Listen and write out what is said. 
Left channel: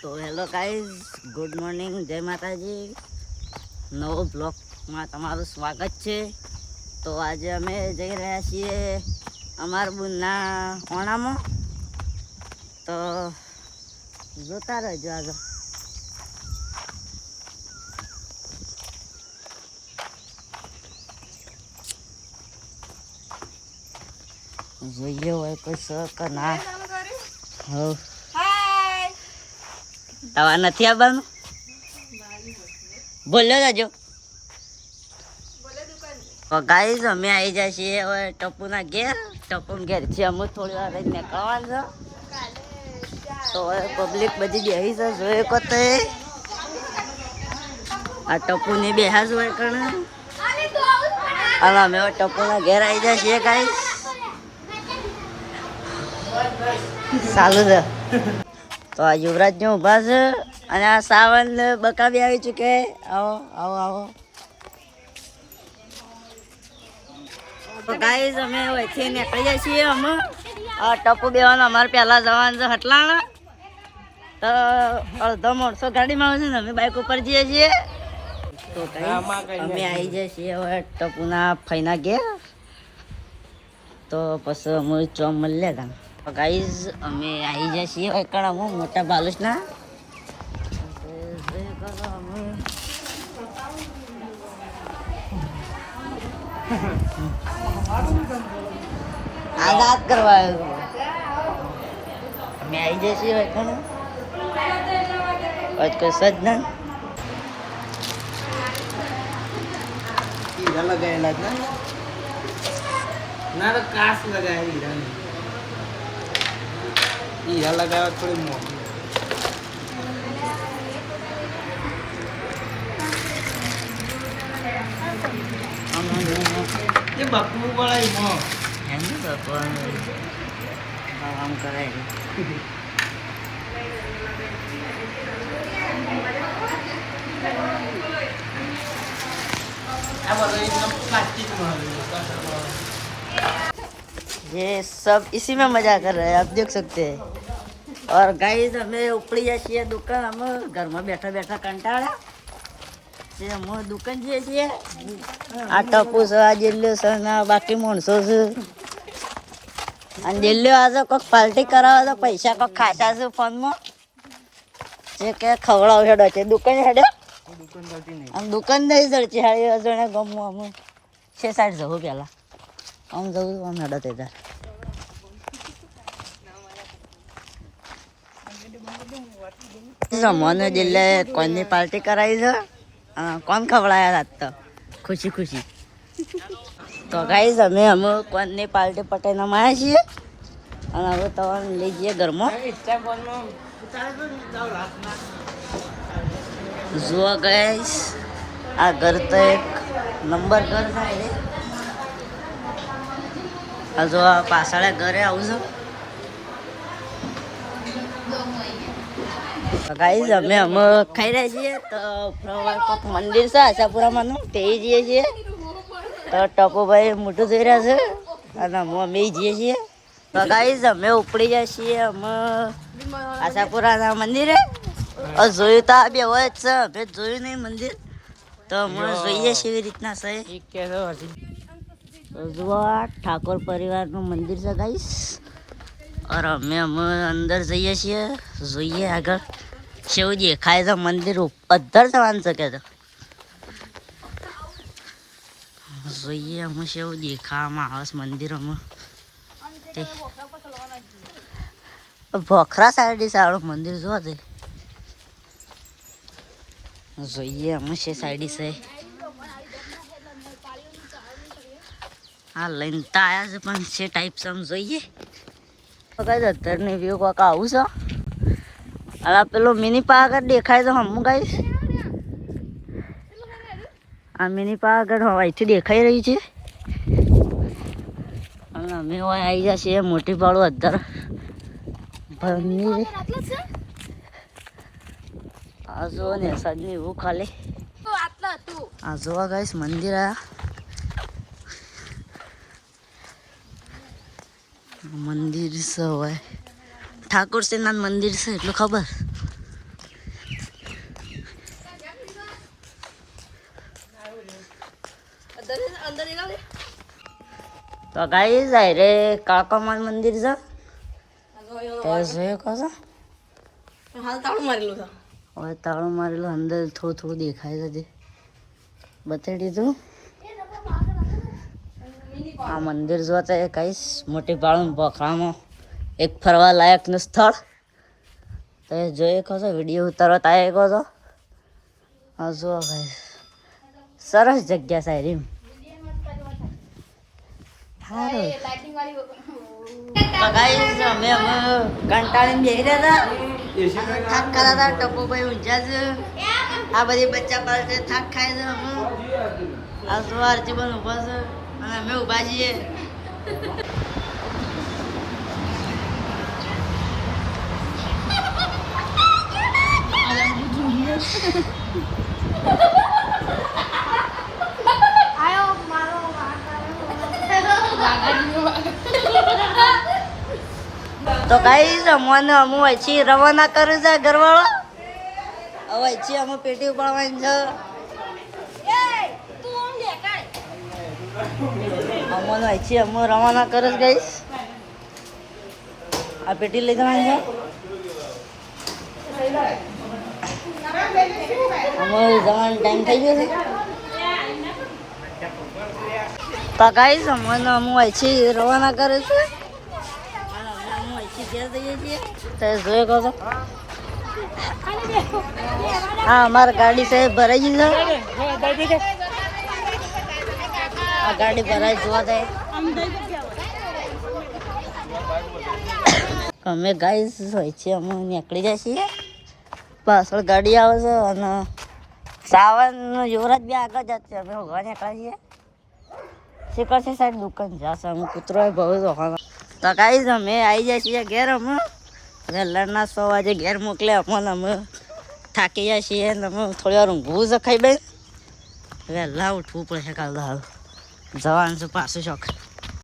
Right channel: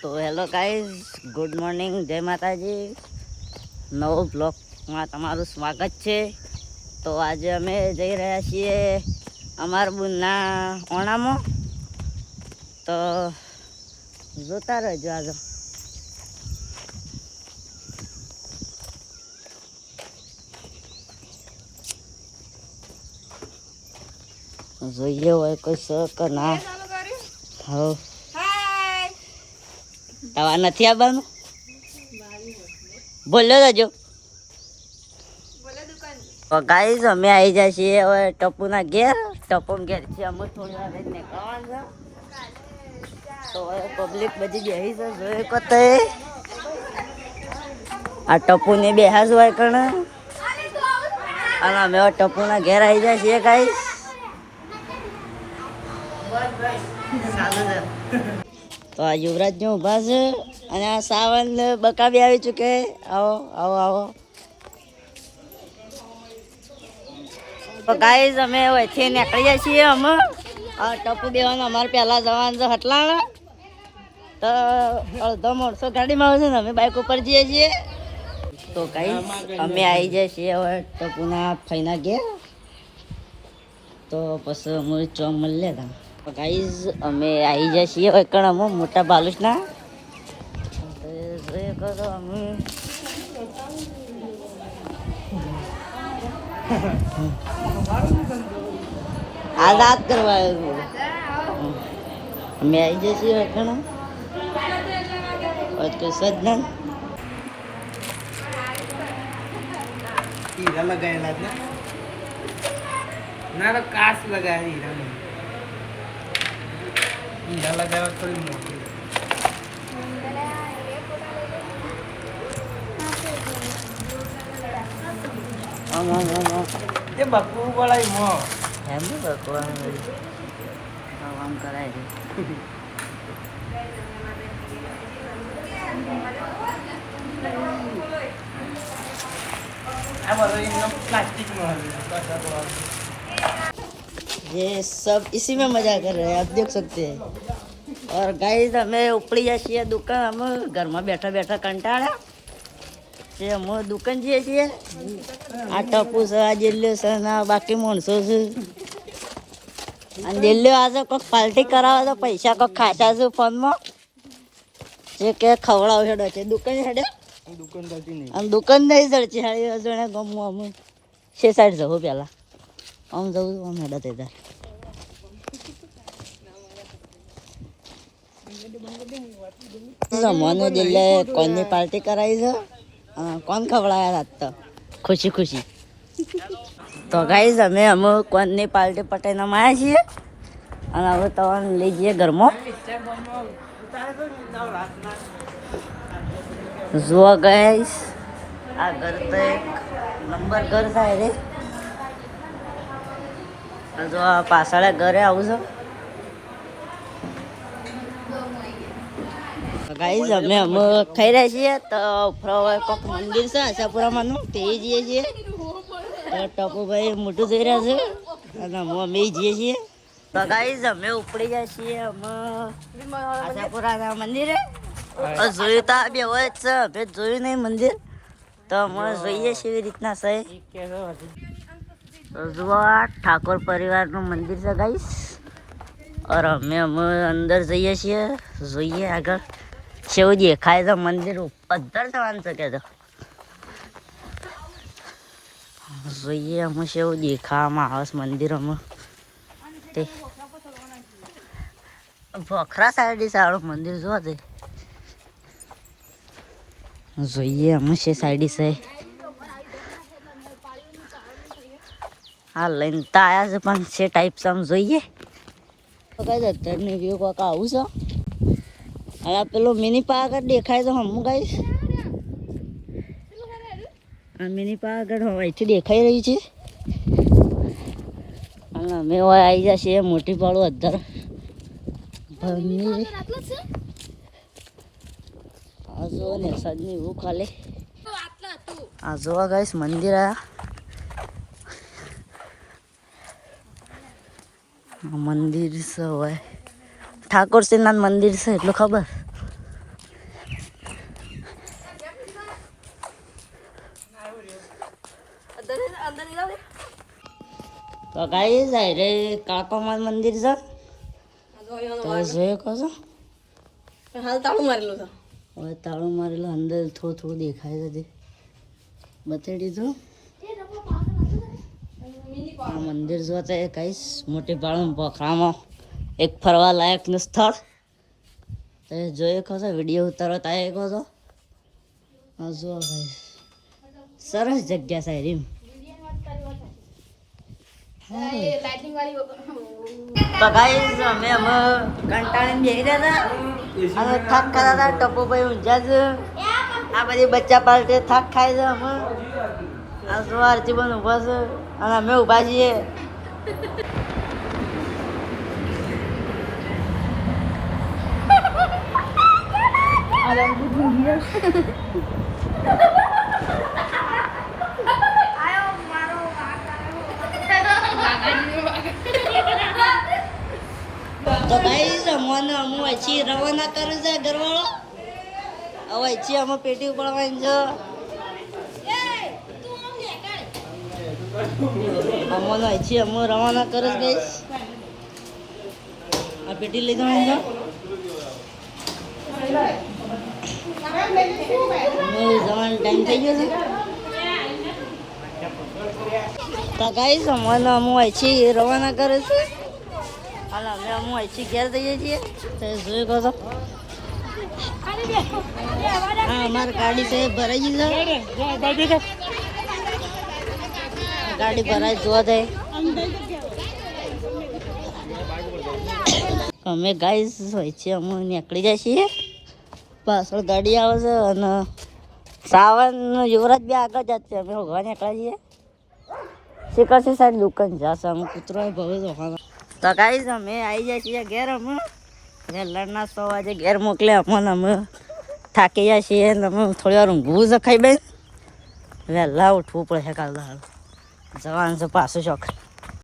તો hello guys, good morning, જય માતાજી. નવો બ્લોગમાં તમારું સ્વાગત છે. તો આજે અમે જઈ રહ્યા છીએ અમારા બુનના ઓણામાં. તો જોતા રહેજો આજે. જોઈએ હોય કોઈ શક ના. હા, તવા નથી આવવાનું. બોલ્યો જજો. ગાઈઝ અમે આવી જાય છીએ હવે ટપુના ઘેર. ટપુના ઘેર છે અમે થોડી વાર નીકળવાનું છે. તો હવે પબ્લિક બધી બેસી છે, જોઈએ કોતે આ ટપુને બેહા જ હોય કણ. અને અમે હવે ટપુના ઘેર આવી જાય છીએ ગાઈઝ. ચાલુ છે. તો આ યુવરાજ ને ઉભા છે અને આ સાવન બકા બી આવી ચૂકે. આવો આવો આવો. તો ગાઈઝ અમે વચ્ચે નીકળી જાય છીએ. અમે ટપુ બેવાનું અમારે પહેલા જવાનું છે હટલાણ. તો અડધો માણસો ગાડીમાં આવે છે ને અમે બાઇક ઉપર જઈએ છીએ. તો ગાઈઝ અમે આવી જાય છીએ હવે ટપુના ફઈના ઘેર. તો પછી અમે ચોમ મળીએ તા. ગાઈઝ અમે આવી જાય છીએ કણ અમે મોટા બાલુસના. અમે આઝાદ કરવા મેં આવી જાય છીએ કણ કોઈ સજ્જન હીરા લગાવેલા ના તો કાચ લગાવ્યા. હીરા લગાવ્યા થોડી મોટી. એ બકુ બોલાય એમ ને ભગવાન આમ કરાય. ये सब इसी में मजा कर रहे हैं, आप देख सकते हैं. और गाइस हमें उपड़ी जाए दुकान. हम घर में बैठा बैठा कंटाळा અમે દુકાન જઈએ છીએ. આ ટપુ છે, આ જેલ્યો છે ને બાકી માણસો છે. અને જેલ્યો આજે કોઈક પાર્ટી કરાવે તો પૈસા કોઈક ખાસા છે ફોનમાં. જે કે ખવડાવ હેડો છે દુકાન હેડે. આમ દુકાન નહીં જડશે હાડી અજણે ગમવું. અમે 6 સાઈડ જવું પહેલાં આમ જવું આમ હેડો તે તાર. મને જેલે કોઈની પાર્ટી કરાવી છે. કોણ ખવડાયા રાત તો ખુશી ખુશી. તો ગાઈઝ અમે કોણની પાર્ટી પટાઈને આવ્યા છીએ. અને હવે તો લઈ જઈએ ઘરમાં. જુઓ ગાઈઝ આ ઘર તો એક નંબર ઘર થાય છે. હજુ આ પાછળ ઘરે આવું છે. ગાઈઝ અમે ખાઈ રહ્યા છીએ. તો કોઈક મંદિર છે આશાપુરામાંનું તે જઈએ છીએ. તો ટપુભાઈ મોટું જોઈ રહ્યા છે અને અમે જઈએ છીએ. તો ગાઈઝ અમે ઉપડી જાય છીએ અમે આશાપુરાના મંદિરે. જોયું તો આ બે હોય જ છે, અમે જોયું નહીં મંદિર. તો અમે જોઈએ છીએ એવી રીતના છે. તો જુઓ આ ઠાકોર પરિવારનું મંદિર છે ગાઈઝ. और અમે અંદર જઈએ છીએ. જોઈએ આગળ કેવું દેખાય છે મંદિર. પદ્ધર જવાનું છે કે તો જોઈએ અમે કેવું દેખાવામાં આવે છે મંદિર. અમે તે ભોખરા સાઈડ સારું મંદિર જો તે જોઈએ અમે છે સાઈડ છે. હા લઈને તો આવ્યા છે પણ છે ટાઈપ આમ જોઈએ. કઈ અત્યારની વ્યૂ કોક આવું છે. અને પેલો મિની પાવાગઢ દેખાય તો હમું ગાઈશ. આ મિની પાવાગઢ અહીંથી દેખાઈ રહી છે. અને અમે આવી જશે મોટી પાડું અધર ભરની. આ જુઓ ને સજની એવું ખાલી આ જોવા ગાઈશ મંદિર આ મંદિર છે. હોય ઠાકોર શ્રીનાથ મંદિર છે એટલું ખબર. તો ગાઈસ આ રે કાળકામાન મંદિર છે તો જોયો કહો છો હાલ તાળું મારેલું છે. હવે તાળું મારેલું અંદર થોડું થોડું દેખાય છે બતાવી દીધું આ મંદિર જોતા એ કહીશ મોટી બાળું પોખરામાં એક ફરવા લાયકનું સ્થળ તો એ જોઈ કહો છો વિડીયો ઉતારવા થાય કહો છો હા જો ભાઈ સરસ જગ્યા સારી સારું તો ગાઈસ અમે કંટાળીને બેસી રહ્યા હતા અમે થાક ખાતા હતા ટપુ ભાઈ ઊંઝા છે આ બધી બચ્ચા પાસે થાક ખાય છે અમે આ સવારથી પણ ઊભા છે અને અમે ઊભા છીએ તો ગાઈસ અમને અમુ અહીંથી રવાના કરે છે ઘરવાળો હવે અહીંથી અમે પેટી ઉપાડવાની છે અમને અહીંથી અમે રવાના કરે છે ગાઈસ આ પેટી લઈ જવાની છે અમે જવાનો ટાઈમ થઈ ગયો છે તો ગાઈસ અમને અમુ અહીંથી રવાના કરે છે અને અમે અમુ અહીંથી ઘેર જઈએ છીએ તો જોઈ કહો છો હા અમારી ગાડી સાહેબ ભરાઈ ગઈ છે આ ગાડી ભરાઈ જોવા દે અમે ગાઈસ હોય છે અમે નીકળી જાય છીએ પાછળ ગાડી આવે છે અને સાવન યુવરાજ બી આગળ જાય છે અમે હોવા નીકળ્યા છીએ શિખરથી સાઈડ દુકાન જશે અમે કૂતરો ભાવ તો ગાઈસ અમે આવી જાય છીએ ઘેર અમે વહેલાના 6 વાગે ઘેર મોકલી અમને અમે થાકી જાય છીએ અને અમે થોડી વાર ઊંઘવું છે ખાઈ બે વહેલા ઉઠવું પડશે કાલ દાળ જવાનું છે પાછું શોખ